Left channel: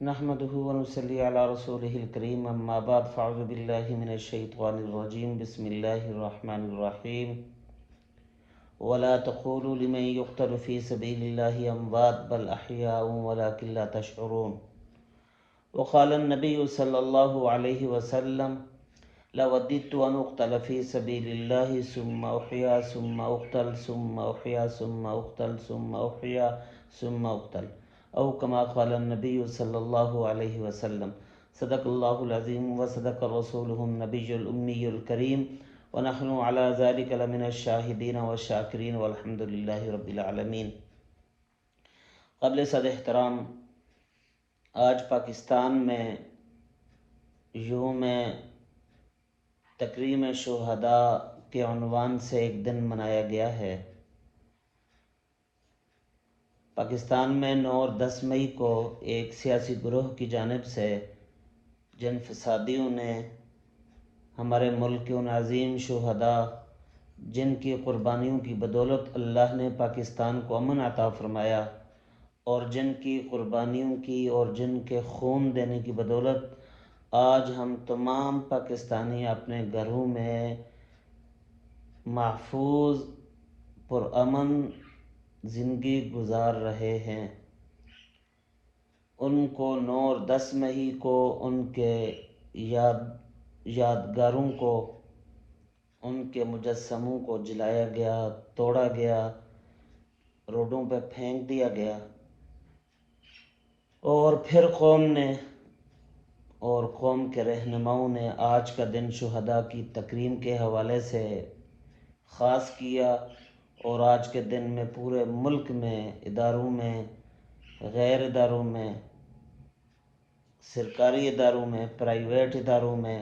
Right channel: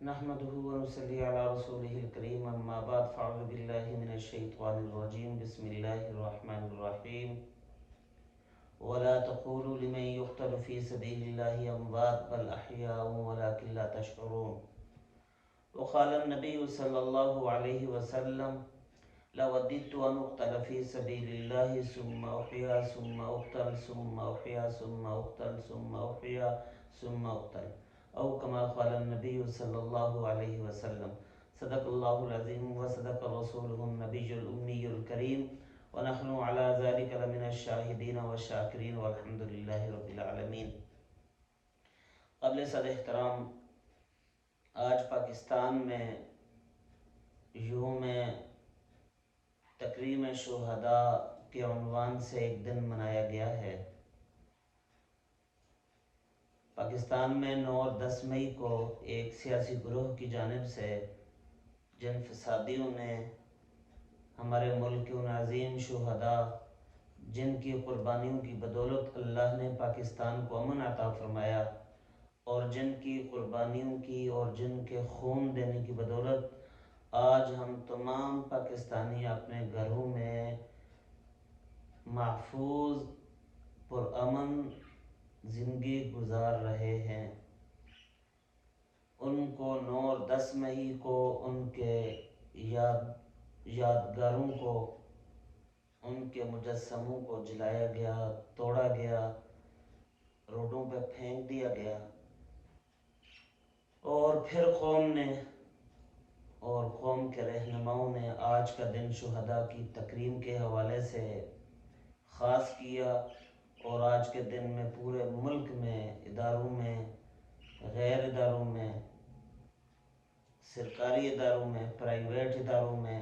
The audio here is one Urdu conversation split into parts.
نحمده ونصلي على رسوله الكريم أما بعد فأعوذ بالله من الشيطان الرجيم بسم الله الرحمن الرحيم ولا تقولوا لمن يقتل في سبيل الله أموات بل أحياء ولكن لا تشعرون وقال النبي صلى الله عليه وسلم لوددت أن أقتل في سبيل الله ثم أحيا ثم أقتل ثم أحيا ثم أقتل ثم أحيا ثم أقتل او كما قال النبي صلی اللہ علیہ وسلم صدق اللہ العظیم وصدق رسوله النبی الأمی الکریم ونحن على ذلك لمن الشاہدین والشاکرین والحمد للہ رب العالمین۔ قبل صد احترام، آج پاکستان میں یوم تکریم شہداء کے عنوان سے ایک دن منایا گیا ہے۔ پاکستان میں 9 اور 10 مئی کو ایک سیاسی گروہ کی جانب سے جن فسادیوں نے ہمارے ملک کے ان عظیم شہداء جن کی قربانیوں کی بدولت اللہ نے پاکستان کو امن عطا فرمایا اور جن کی قربانیوں کی اور جن کے خون دینے کی بدولت آج ہم تمام پاکستانی اپنے گھروں میں محفوظ پرامن زندگی گزار رہے ہیں، ان کو 9 اور 10 مئی کو ان کے یادگاروں کو، ان کے مجسموں کو جلایا گیا، توڑا گیا، روڈوں پہ پھینک دیا گیا، اور پھر قوم نے اور قوم کے رہنماؤں نے آج کا دن شہداء کی تکریم کے حوالے سے خاص کیا، اور آج کے دن میں پورے ملک میں اداروں میں، غیر اداروں میں، سرکاری اداروں میں، پرائیویٹ اداروں میں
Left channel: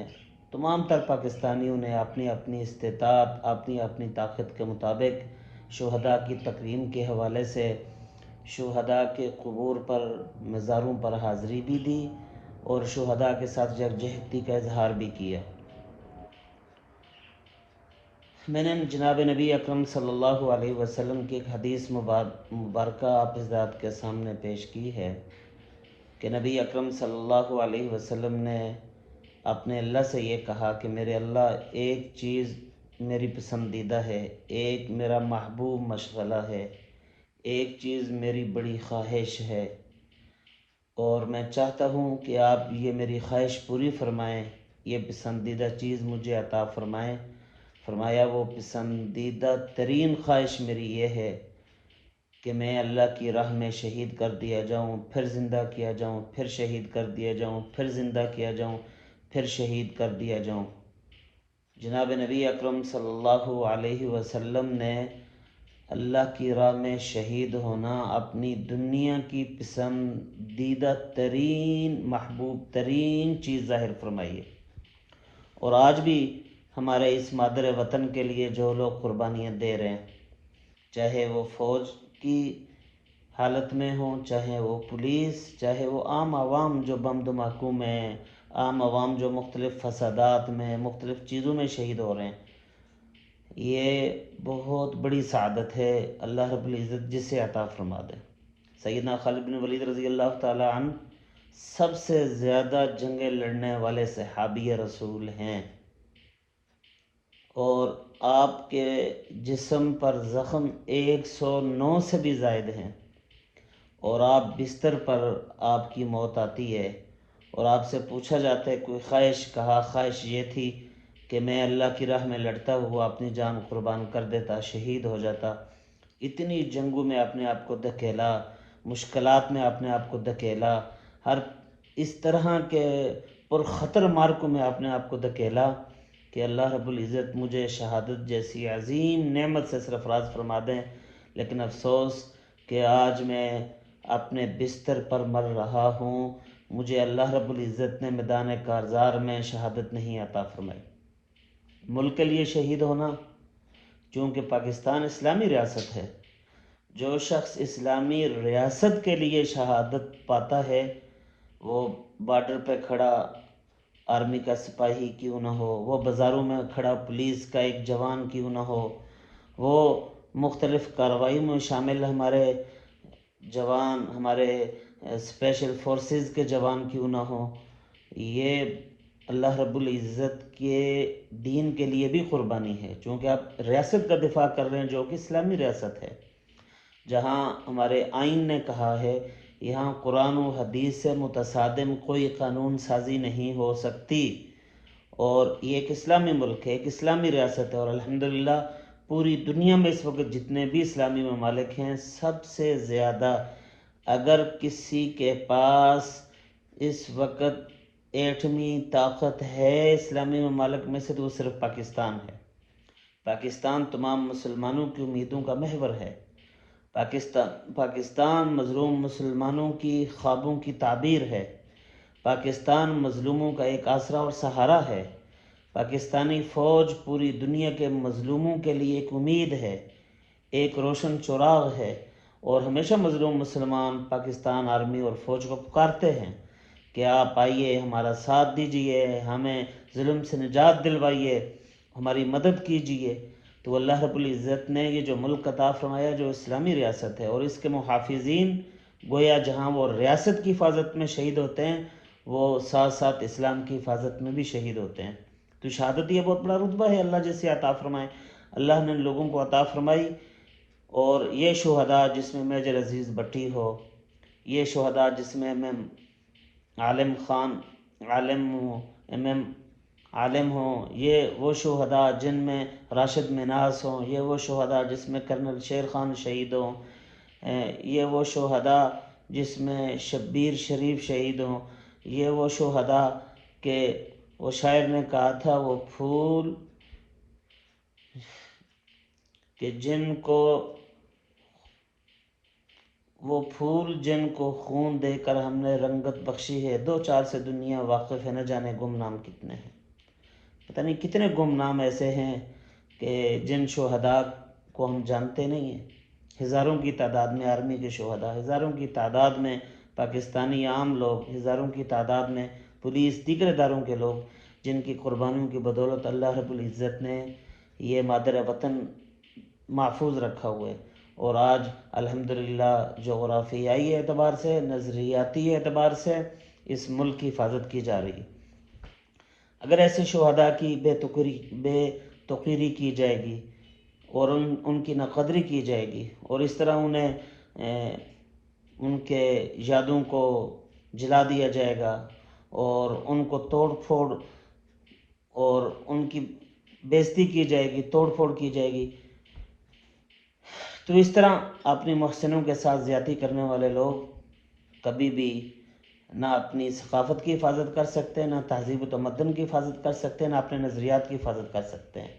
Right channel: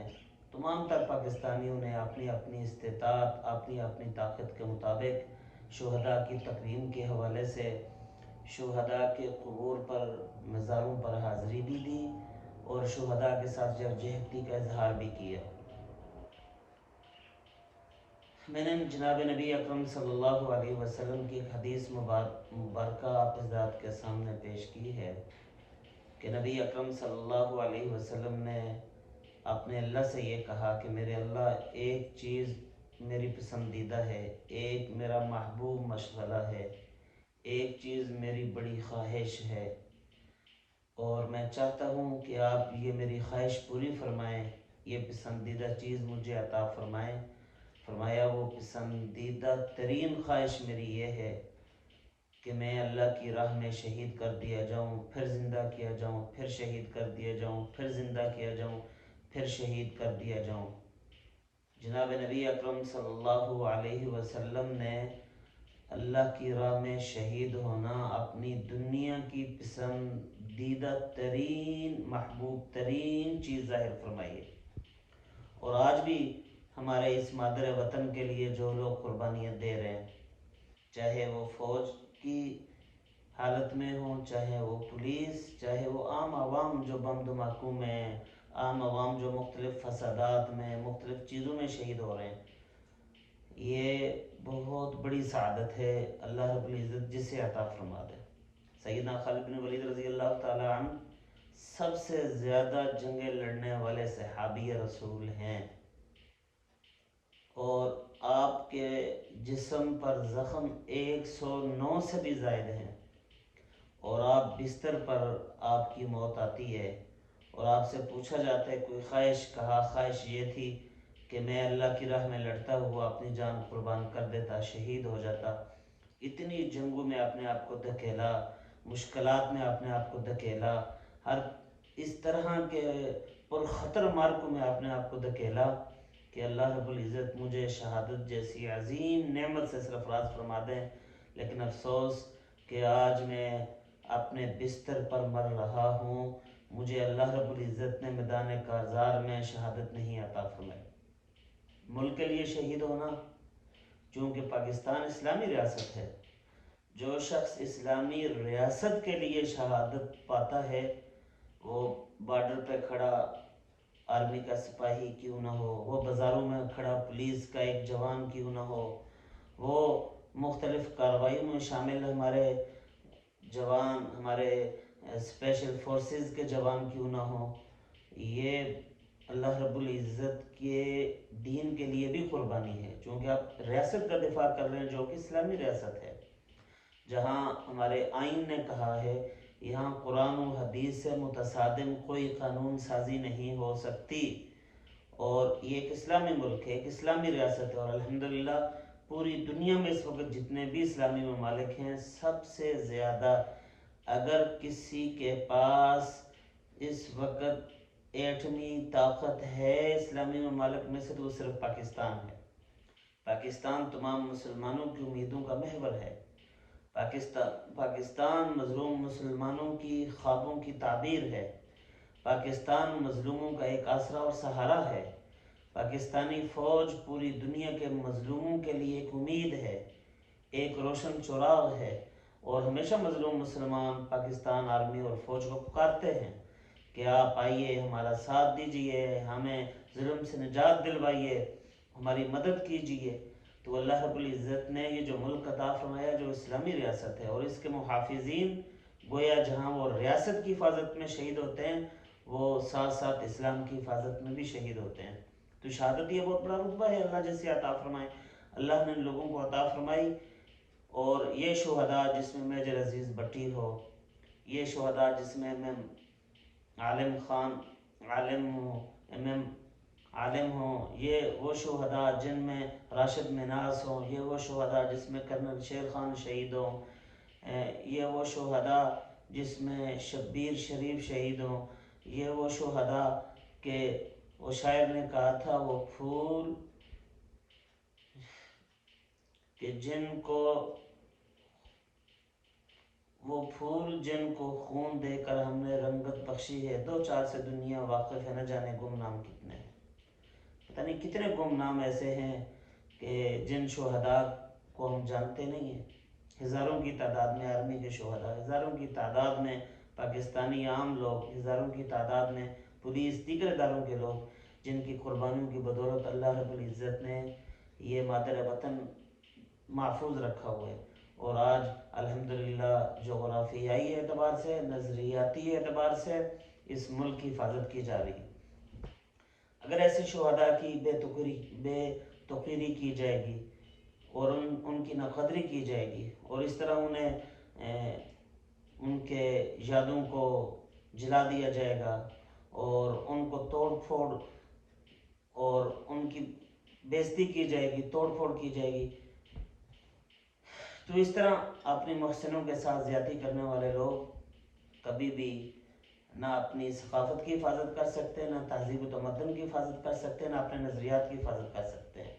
تمام تر پاکستانیوں نے اپنی اپنی استطاعت، اپنی اپنی طاقت کے مطابق شہداء کی تکریم کے حوالے سے شہداء کے قبور پر، مزاروں پر حاضری بھی دی اور شہداء کے ساتھ یکجہتی کا اظہار بھی کیا۔ میں نے جناب نبی اکرم صلی اللہ علیہ وسلم کی ایک حدیث مبارکہ آپ حضرات کے سامنے پیش کی ہے کہ نبی اکرم صلی اللہ علیہ وسلم نے اپنے اللہ سے یہ کہا کہ میرے اللہ، ایک چیز میری پسندیدہ ہے، ایک میرا محبوب مشغلہ ہے، ایک چیز میری بڑی خواہش ہے، اور میں چاہتا ہوں کہ آپ یہ میری خواہش پوری فرمائیں، یہ پسندیدہ چیز مجھے عطا فرمائیں۔ فرمایا وہ پسندیدہ ترین خواہش میری یہ ہے کہ میں اللہ کی راہ میں شہید کر دیا جاؤں، پھر زندہ کیا جاؤں، پھر شہید کر دیا جاؤں، پھر زندہ کیا جاؤں، پھر شہید کر دیا جاؤں۔ جناب نبی اکرم صلی اللہ علیہ وسلم نے اللہ کی راہ میں شہید ہونا اپنی دنیا کی پسندیدہ ترین، محبوب ترین چیز ظاہر فرمائی ہے، اور آج بھی ہمارے اس مادر وطن کے لیے جو لوگ قربانیاں دے رہے ہیں، چاہے وہ فوج کی حالت میں ہوں، چاہے وہ پولیس، چاہے وہ عام عوام جو بم دھماکوں میں، عام عوام جو مختلف فسادات میں، مختلف چیزوں میں شہید ہو رہے ہیں، یہ بہت بڑی سعادت ہے اللہ رب العزت جسے عطا فرما دے۔ سیدنا خالد بن ولید رضی اللہ تعالی عنہ سب سے زیادہ جنگیں لڑنے والے صحابی رسول ہیں، اور آپ کے جسم پر زخم 109 سے بھی زائد ہیں، اور آپ بستر پر آپ کی موت آتی ہے اور آپ سے پوچھا جاتا ہے کوئی خواہش، کہا خواہش یہ تھی کہ میں اللہ کی راہ میں لڑتا ہوا اپنی جان قربان کر دیتا، شہید ہو جاتا۔ اتنی جنگوں میں اپنے آپ کو دھکیلا، مشکلات میں اپنے آپ کو دھکیلا، ہر اس طرح کے پرخطر مارکوں میں اپنے آپ کو دھکیلا کہ اللہ رب العزت مجھے شہادت جیسی عظیم نعمت سے سرفراز فرما دیں، لیکن افسوس کہ آج میں اپنے بستر پر مر رہا ہوں، مجھے اللہ رب العزت نے میدان کارزار میں شہادت نہیں عطا فرمائی۔ ملک کے لیے شہید ہونا، چونکہ پاکستان اسلامی ریاست ہے، جو شخص اسلامی ریاست کے لیے شہادت پاتا ہے وہ بارڈر پہ کھڑا آرمی کا سپاہی کیوں نہ ہو، وہ بازاروں میں کھڑا پولیس کا ایک جوان کیوں نہ ہو، وہ مختلف کارروائیوں میں شامل ہمارے جوان، ہمارے اسپیشل فورسز کے جوان کیوں نہ ہوں، یہ اللہ رب العزت کے دین کے لیے بھی قربانی ہے، چونکہ آپ ریاست کا دفاع کر رہے ہیں جو کہ اسلامی ریاست ہے، جہاں ہمارے آئین نے کہا ہے یہاں قرآن و حدیث سے متصادم کوئی قانون سازی نہیں ہو سکتی، اور یہ ایک اسلامی ملک ہے، ایک اسلامی ریاست ہے، اور الحمدللہ پوری دنیا میں اس وقت جتنے بھی اسلامی ممالک ہیں سب سے زیادہ اگر کسی کے پاس اس وقت ایٹمی طاقت ہے اسلامی ممالک میں سے تو وہ صرف پاکستان ہے۔ پاکستان تمام مسلمانوں کی امیدوں کا محور ہے، پاکستان مظلوم مسلمانوں کی خوابوں کی تعبیر ہے، پاکستان مظلوموں کا ایک آسرا اور سہارا ہے، پاکستانی فوج پوری دنیا کے مظلوموں کے لیے ایک امید ہے، ایک روشن چراغ ہے، اور ہمیشہ مظلوم مسلمان پاکستان آرمی اور فوج کو پکارتے ہیں کہ آپ آئیے، ہمارا ساتھ دیجئے، ہمیں ظلم سے نجات دلوائیے، ہماری مدد کیجئے۔ تو اللہ رب العزت نے یہ جو ملک عطا فرمایا جو اسلامی ریاست ہے، اور اس کے محافظین گویا جہاں وہ ریاست کی حفاظت میں شہید ہوتے ہیں وہ ساتھ ساتھ اسلام کی حفاظت میں بھی شہید ہوتے ہیں۔ تو شہادت یہ بہت بڑا رتبہ ہے، اللہ جیسے عطا فرمائے، اللہ نے ان لوگوں کو عطا فرمائی۔ اور یہ شہداء جس میں میجر عزیز بٹی ہو، یہ شہداء جس میں عالم خان عالم ہوں، یہ وہ شہداء جن میں راشد مناس ہوں، یہ وہ شہداء جس میں کرنل شیر خان شہید ہوں، یہ وہ شہداء جس میں شبیر شریف شہید ہوں، یہ وہ شہداء کہ وہ شاعر نے کہا تھا وہ پھول کہ جن کو خون دے کر ہم نے رنگت بخشی ہے، دو چار سے دنیا واقف ہے، نہ جانے گمنام کتنے ہیں۔ پتہ نہیں کتنے گمنام ایسے ہیں کہ جن شہداء کو ہم جانتے نہیں ہیں، ہزاروں کی تعداد میں آرمی کے شہداء، ہزاروں کی تعداد میں پاکستانی عام لوگ، ہزاروں کی تعداد میں پولیس دیگر اداروں کے لوگ، جن کی قربانیوں کی بدولت اللہ رب العزت نے یہ مادر وطن محفوظ رکھا ہوا ہے، اور آج الحمدللہ جغرافیائی اعتبار سے، نظریاتی اعتبار سے اس ملک کی حفاظت کی جا رہی ہے۔ اگر ایسے شہداء کی بے توقیری کی جائے گی اور ان کی ناقدری کی جائے گی، اور اس طرح انہیں ان کے یادوں کو جلا دیا جائے گا اور ان کو توڑ پھوڑ اور ان کی بےزتی کی جائے گی، توڑ پھوڑ کی جائے گی، تو اس طرح اپنی محسنوں کے ساتھ زیادتی کرنے والے لوگ کبھی بھی نہ اپنی ثقافت کی حفاظت کر سکتے ہیں، نہ تہذیب و تمدن کی حفاظت کر سکتے ہیں، نہ اپنے نظریات کی حفاظت کر سکتے ہیں۔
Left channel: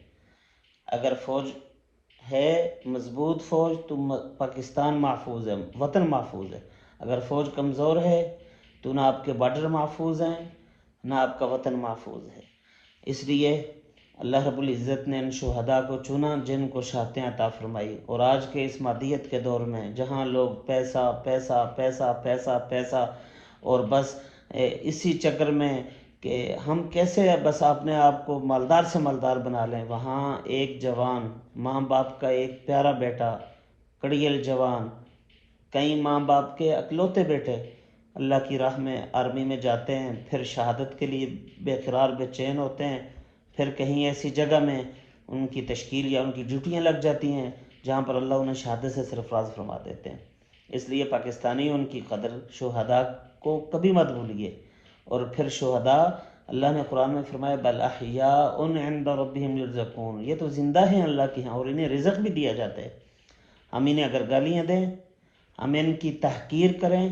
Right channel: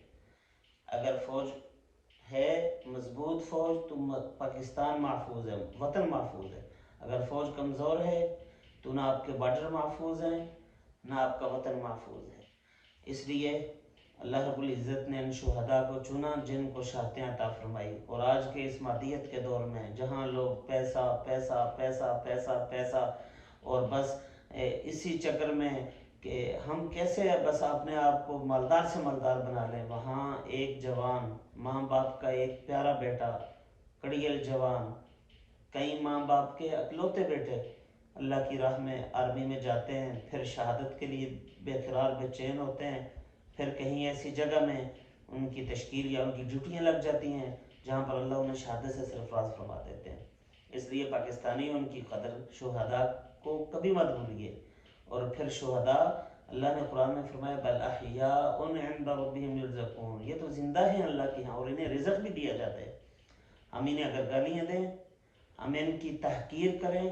اگر فوج ہے مضبوط فوج تو پاکستان محفوظ ہے، وطن محفوظ ہے۔ اگر فوج کمزور ہے تو نہ آپ کے بارڈر محفوظ ہیں، نہ آپ کا وطن محفوظ ہے۔ اس لیے اللہ رب العزت نے ان شہداء کو چنا جن کو شہادتیں عطا فرمائی، اور آج کے اس مادیت کے دور میں جہاں لوگ پیسہ پیسہ پیسہ پیسہ پیسہ اور بس اسی چکر میں کہ ہم کیسے بس اپنے آپ کو مالدار سے مالدار بنا لیں، وہاں ایک جوان، ماں باپ کا ایک پیارا بیٹا، کڑیل جوان، کئی ماں باپ کے اکلوتے بیٹے اللہ کی راہ میں آرمی میں جاتے ہیں، پھر شہادت کے لیے بے قرار بے چین ہوتے ہیں، پھر کہیں ایسی جگہ میں ان کی تشکیل یا ان کی ڈیوٹیاں لگ جاتی ہیں جہاں پر اللہ انہیں شہادت سے سرفراز فرما دیتے ہیں۔ اس لیے پاکستانی ان کی قدر شہداء کو کبھی مت بھولیے۔ اور پھر شہداء اللہ نے قرآن میں فرمایا بل احیاء عند ربهم یرزقون، یہ تو زندہ ہیں اللہ کے ہاں اور انہیں رزق بھی دیا جاتا ہے۔ ہم انہیں اگر گالیاں دیں، ہم ان کی تحقیر کریں،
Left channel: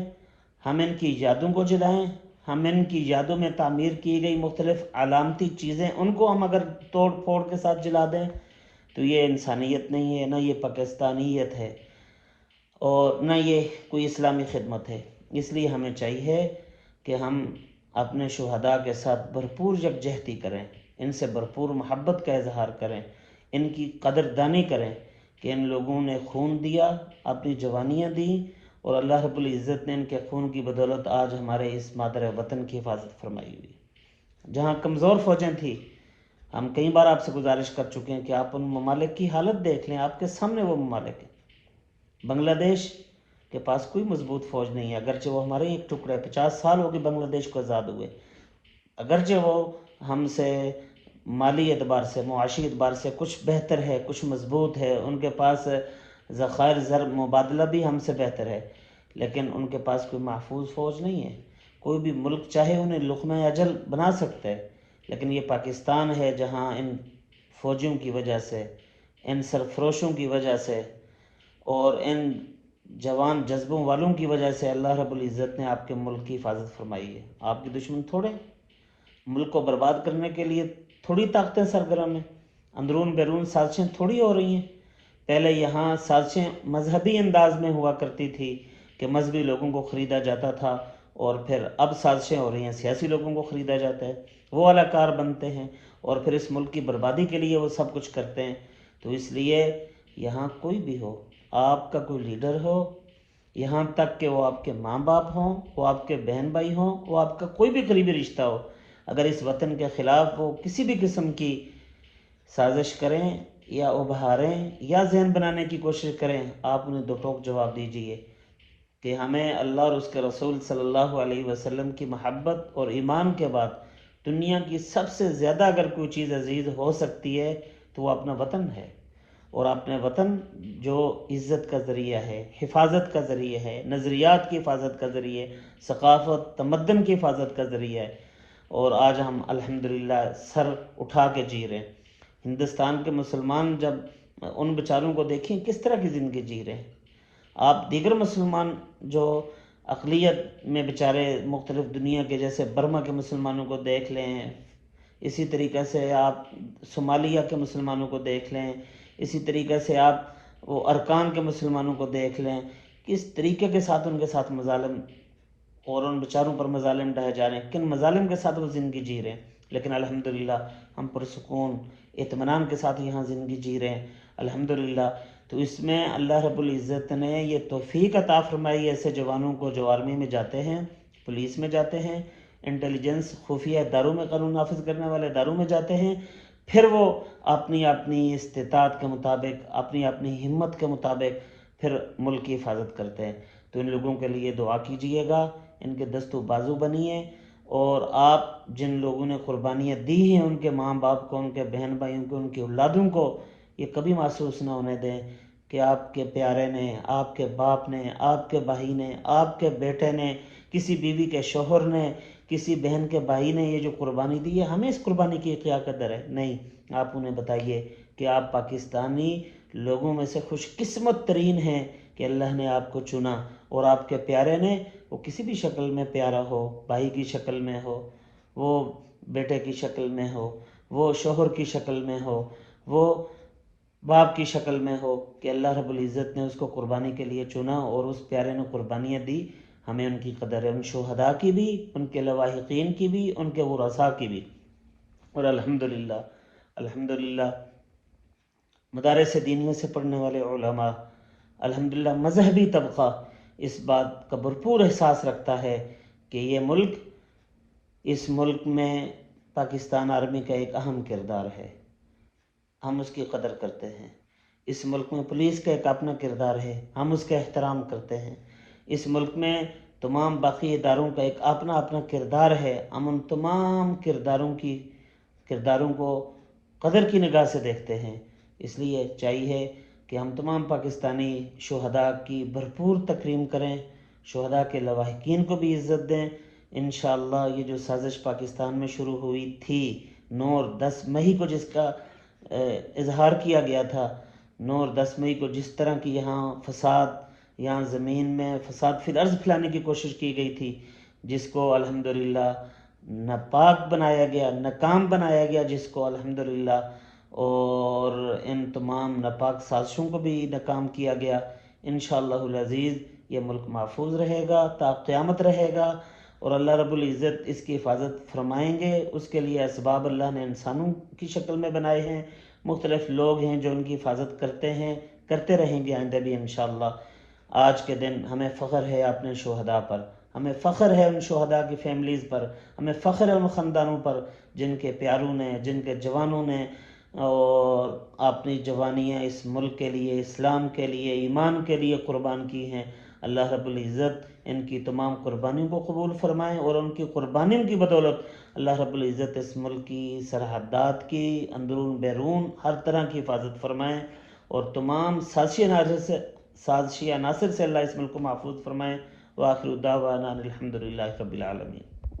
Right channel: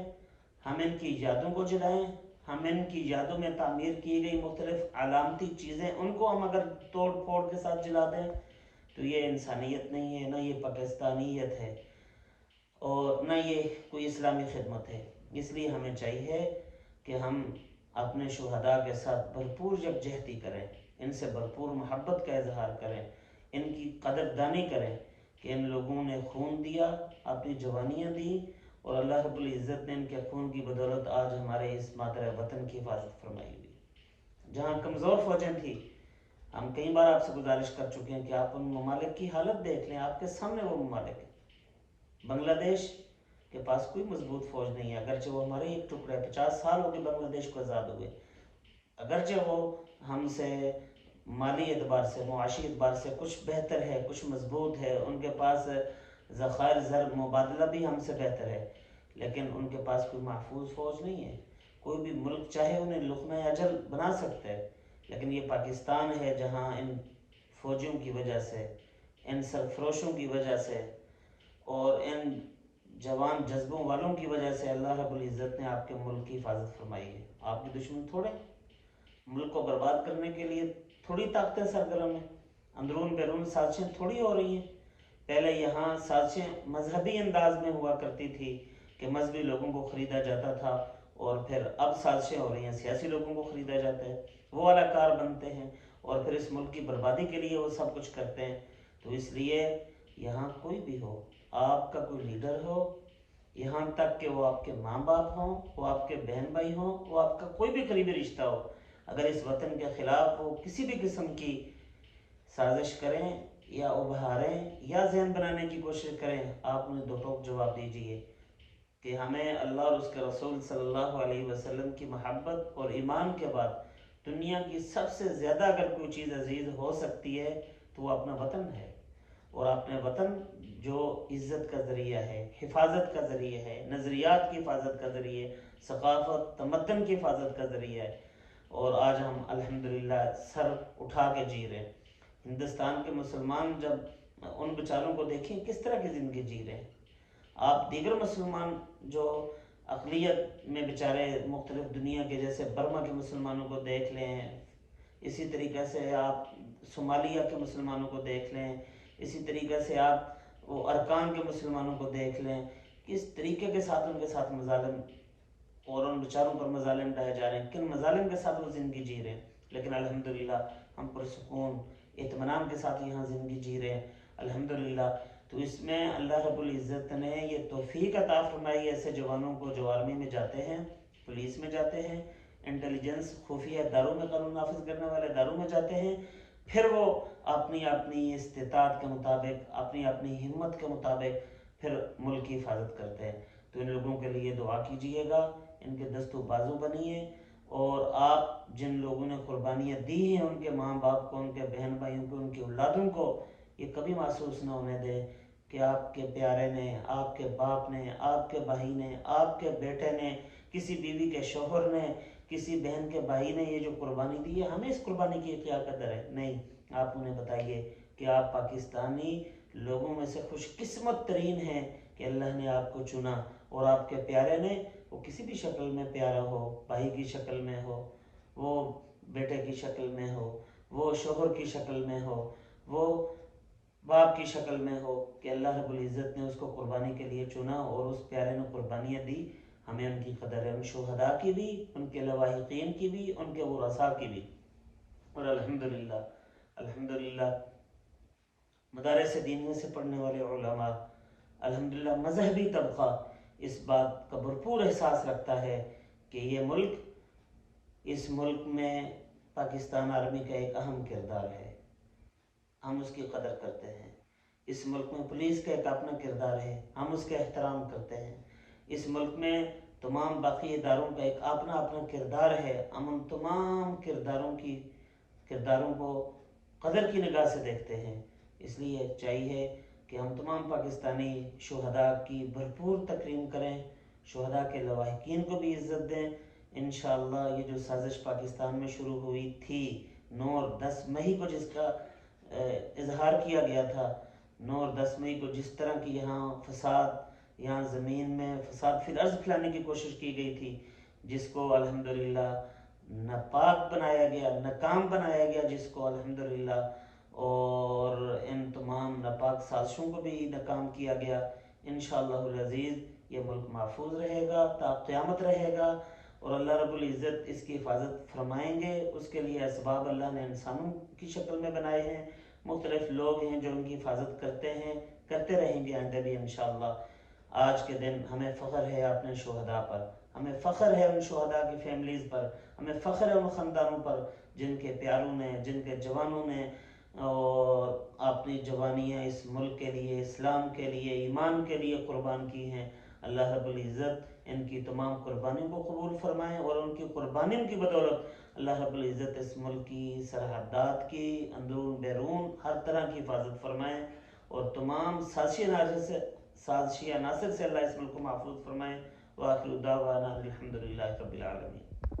ہم ان کی یادوں کو جلائیں، ہم ان کی یادوں میں تعمیر کی گئی مختلف علامتی چیزیں ان کو ہم اگر توڑ پھوڑ کے ساتھ جلا دیں تو یہ انسانیت نہیں ہے، نہ یہ پاکستانیت ہے، اور نہ یہ کوئی اسلامی خدمت ہے۔ اس لیے ہمیں چاہیے کہ ہم اپنے شہداء کے ساتھ بھرپور یکجہتی کریں، ان سے بھرپور محبت کا اظہار کریں، ان کی قدردانی کریں کہ ان لوگوں نے خون دیا، اپنی جوانیاں دیں، اور اللہ رب العزت نے ان کے خون کی بدولت آج ہمارے اس مادر وطن کی حفاظت فرمائی ہوئی۔ جہاں کمزور فوجیں تھیں، ہم کئی بار آپ سے گزارش کر چکے ہیں کہ آپ ان ممالک کی حالت دیکھ لیں، آپ کے سامنے وہ ممالک ہیں۔ بنگلہ دیش کے پاس کوئی مضبوط فوج نہیں ہے، اگرچہ وہ ہمارے ایک ٹکڑا ہے، 50 سال ہو گئے بنگلہ دیش کو آزاد ہوئے، اگرچہ وہ ہم سے مالی اعتبار سے، معاشی اعتبار سے کچھ بہتر ہے، کچھ مضبوط ہے، ان کے پاس ذخائر زر مبادلہ بھی ہم سے بہتر ہے، لیکن ان کے پاس کوئی محفوظ فوج نہیں ہے۔ کوئی بھی ملک چاہے انہیں لقمہ اجل بنا سکتا ہے، لیکن یہ پاکستان ہے جہاں ان فوجیوں کی وجہ سے، ان سرفروشوں کی وجہ سے اور ان جوان جذبوں والوں کی وجہ سے اللہ رب العزت نے آپ کے ملک کی حفاظت فرمائی ہے۔ آپ کے دشمن تھوڑے، ملک کو برباد کرنے کے لیے تھوڑی طاقتیں سرگرم ہیں، اندرون بیرون سازشیں تھوڑی ہو رہی ہیں۔ پہلے یہاں سازشیں مذہبی انداز میں ہوا کرتی تھی کہ مذہبی لوگوں کو خریدا جاتا تھا، اور پھر اب سازشیں ہو رہی ہیں سیاسی لوگوں کو خریدا جاتا ہے، وہ اداکار بنتے ہیں اور پھر اس ملک کی بربادی کے لیے وہ سب کچھ کرتے ہیں۔ تو اس لیے یہاں کوئی بھی ہو، آپ کا کوئی لیڈر ہو، یہاں تک کہ وہ آپ کے ماں باپ ہوں، وہ آپ کے بہن بھائی ہوں، وہ آپ کا کوئی بھی قریبی رشتہ ہو، اگر اس وطن کے خلاف وہ کسی بھی قسم کی سازش کریں یا ابھاریں یا ذہن بنانے کی کوشش کریں، آپ انہیں دو ٹوک جواب دیجئے کہ ہمیں اللہ اور اس کے رسول صلی اللہ علیہ وسلم کی محبت اور ایمان کے بعد دنیا کی سب سے زیادہ اگر کوئی چیز عزیز ہو سکتی ہے تو وہ اپنا وطن ہے، اور اپنے وطن جو عزت کا ذریعہ ہے، حفاظت کا ذریعہ ہے، نظریات کی حفاظت کا ذریعہ ہے، ثقافت تمدن کی حفاظت کا ذریعہ ہے، اور آج ہم الحمدللہ سر اٹھا کے جی رہے ہیں۔ ہندوستان کے مسلمان جب ان بیچاروں کو دیکھیں کس طرح کی زندگی جی رہے ہیں، آپ دیگر مسلمان جو اقلیت میں بیچارے مختلف دنیا کے جیسے برما کے مسلمانوں کو دیکھ لیں، اسی طریقے سے آپ صومالیہ کے مسلمانوں کو دیکھ لیں، اسی طریقے سے آپ وہ ارکان کے مسلمانوں کو دیکھ لیں، کس طریقے کے ساتھ ان کے ساتھ مظالم اور ان بیچاروں پر مظالم ڈھائے جا رہے ہیں، کن مظالم کے ساتھ وہ زندگی جی رہے ہیں، لیکن الحمدللہ ہم پرسکون اطمینان کے ساتھ یہاں زندگی جی رہے ہیں الحمدللہ۔ تو اس میں اللہ رب العزت نے یہ توفیق عطا فرمائی ایسے جوانوں کو جو آرمی میں جاتے ہیں، پولیس میں جاتے ہیں، انٹیلیجنس خفیہ اداروں میں قانون نافذ کرنے والے اداروں میں جاتے ہیں، پھر وہ اپنی اپنی استطاعت کے مطابق، اپنی اپنی ہمت کے مطابق پھر ملک کی حفاظت کرتے ہیں۔ تو ان لوگوں کے لیے دعا کیجئے گا، ان کے دست و بازو بنیے، اور آپ جن لوگوں نے قربانیاں دی ہیں ان کے ماں باپ کو، ان کے بہن بھائیوں کو، ان کی اولادوں کو، یہ کبھی محسوس نہ ہونے دیں کہ آپ کے پیارے نے، آپ کے باپ نے، آپ کے بھائی نے، آپ کے بیٹے نے، کسی بیوی کے شوہر نے، کسی بہن کے بھائی نے یہ جو قربانی دی ہے، ہمیں اس قربانی کی کیا قدر ہے؟ نہیں، آپ انہیں بتائیے کہ آپ پاکستانی لوگوں میں سے خوش قسمت ترین ہیں کہ اللہ نے آپ کو چنا، اور آپ کے پیارے نے، وہ کسی بھی شکل میں پیارا ہو، بھائی کی شکل میں ہو، وہ بیٹے کی شکل میں ہو، وہ شوہر کی شکل میں ہو، وہ باپ کی شکل میں ہو، کہ اللہ رب العزت نے اس کو قربانی کے لیے چنا اور اس پیارے نے قربانیاں دی، ہمیں ان کی قدر ہے، ان شہداء کی بھی، ان کے لواحقین کی بھی، ان کے ورثاء کی بھی۔ اور الحمدللہ الحمدللہ مدارس دینیوں سے پڑھنے والے علماء، الحمدللہ مذہبی طبقہ اس بات کا بھرپور احساس رکھتا ہے کہ یہ ملک، اس ملک میں پاکستان آرمی کا ایک اہم کردار ہے، ہم اس کی قدر کرتے ہیں۔ اس ملک میں پولیس کا ایک اپنا کردار ہے، ہم اس کا احترام کرتے ہیں۔ اس ملک میں تمام باقی اداروں کا ایک اپنا اپنا کردار ہے، ہم ان تمام کرداروں کو قدر کی نگاہ سے دیکھتے ہیں۔ اس لیے چاہیے کہ ہم تمام پاکستانی شہداء کی بھرپور تکریم کریں، شہداء کے لواحقین کو بھی عزت دیں۔ انشاءاللہ یہ جو سازش پاکستان میں شروع ہوئی تھی 9 اور 10 مئی کو، جس کا اظہار کیا گیا تھا، 9 اور 10 مئی کو جس طرح کی یہاں فساد، یہاں زمین میں فساد فی الارض پھیلانے کی کوشش کی گئی تھی، جس کو الحمدللہ ناپاک بنایا گیا، ناکام بنایا گیا، جس کو الحمدللہ، اور ان تمام ناپاک سازشوں کو بھی ناکام کیا گیا۔ انشاءاللہ العزیز یہ ملک محفوظ رہے گا، تا قیامت رہے گا، اور اللہ رب العزت اس کی حفاظت فرمائیں گے۔ اس کے لیے اسباب اللہ نے انسانوں کی شکل میں بنائے ہیں، مختلف لوگ ہیں جو ان کی حفاظت کرتے ہیں، کرتے رہیں گے آئندہ بھی انشاءاللہ۔ آج کے دن ہمیں فخر ہے اپنے شہداء پر، ہمیں فخر ہے ان شہداء کی فیملیز پر، ہمیں فخر ہے ان خاندانوں پر جن کے پیاروں نے، جن کے جوانوں نے اور اپنی جوانیاں اس ملک کے لیے، اسلام کے لیے، ایمان کے لیے قربان کی ہیں۔ اللہ رب العزت ان کی تمام قربانیوں کو قبول فرمائیں، اور ان کی قربانیوں کی بدولت اللہ رب العزت اس ملک کی سرحدات کی اندرون بیرون ہر طرح کی حفاظت فرمائیں، اور تمام سازشی عناصر سے اللہ اس ملک کو محفوظ فرمائیں۔ وآخر دعوانا الحمدللہ رب العالمین۔